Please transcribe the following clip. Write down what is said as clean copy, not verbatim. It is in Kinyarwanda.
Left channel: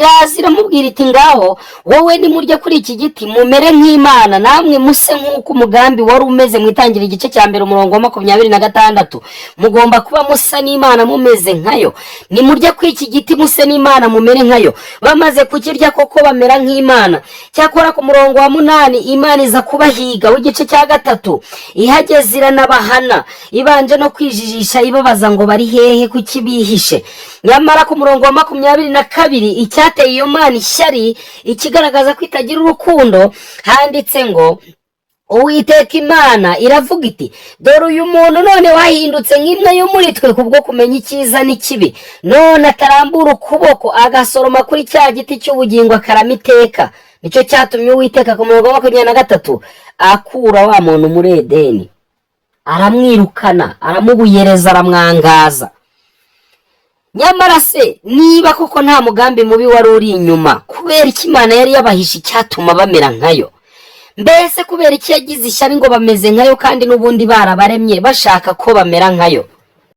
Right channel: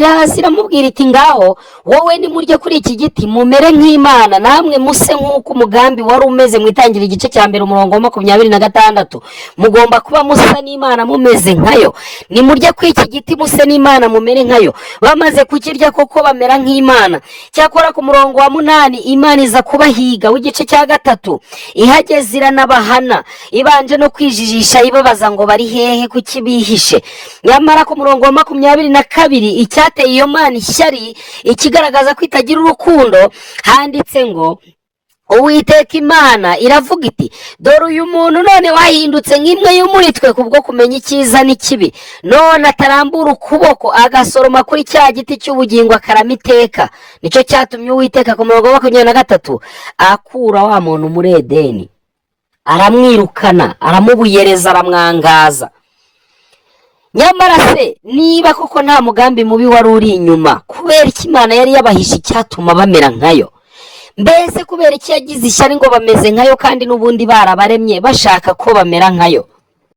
iraza iramubwira iti ngaho wowe nimurye kuri iki giti mumere nk'Imana namwe muse nk'uko umugambi wari umeze mu itangira igice cya mbere umurongo wa 26 mugomba kuba musa n'Imana mumeze nkayo. Nimurye kuri iki giti muse n'Imana mumere nkayo. Bamaze kukirya koko bamera nk'Imana. Cyakora ku murongo wa 8 Imana iza kubahiga w'igice cya 3 ihageze iranabahana ibanje no kwijijisha ibabaza ngo bari hehe kuki bihishe. Nyamara ku murongo wa 22 icyateye iyo Mana ishyari ikigaragaza ko itagira urukundo handitse ngo Uwiteka Imana iravuga iti dore uyu muntu none wahindutse nk'imwe yo muri twe kubwo kumenya icyiza n'ikibi, none atarambura ukuboko agasoroma kuri cya giti cy'ubugingo akarama iteka. Nicyo cyatumye Uwiteka ku murongo wa 23 akura wa muntu muri Edeni, aramwirukana, aramubuyereza, aramwangaza. Nyamara se niba koko nta mugambi mubi wari uri inyuma, kubera iki Imana yari yabahishe icyatuma bamera nkayo? Mbese kubera iki yagize ishyari ngo bameze nkayo kandi n'ubundi barabaremye bashaka ko bamera nkayo?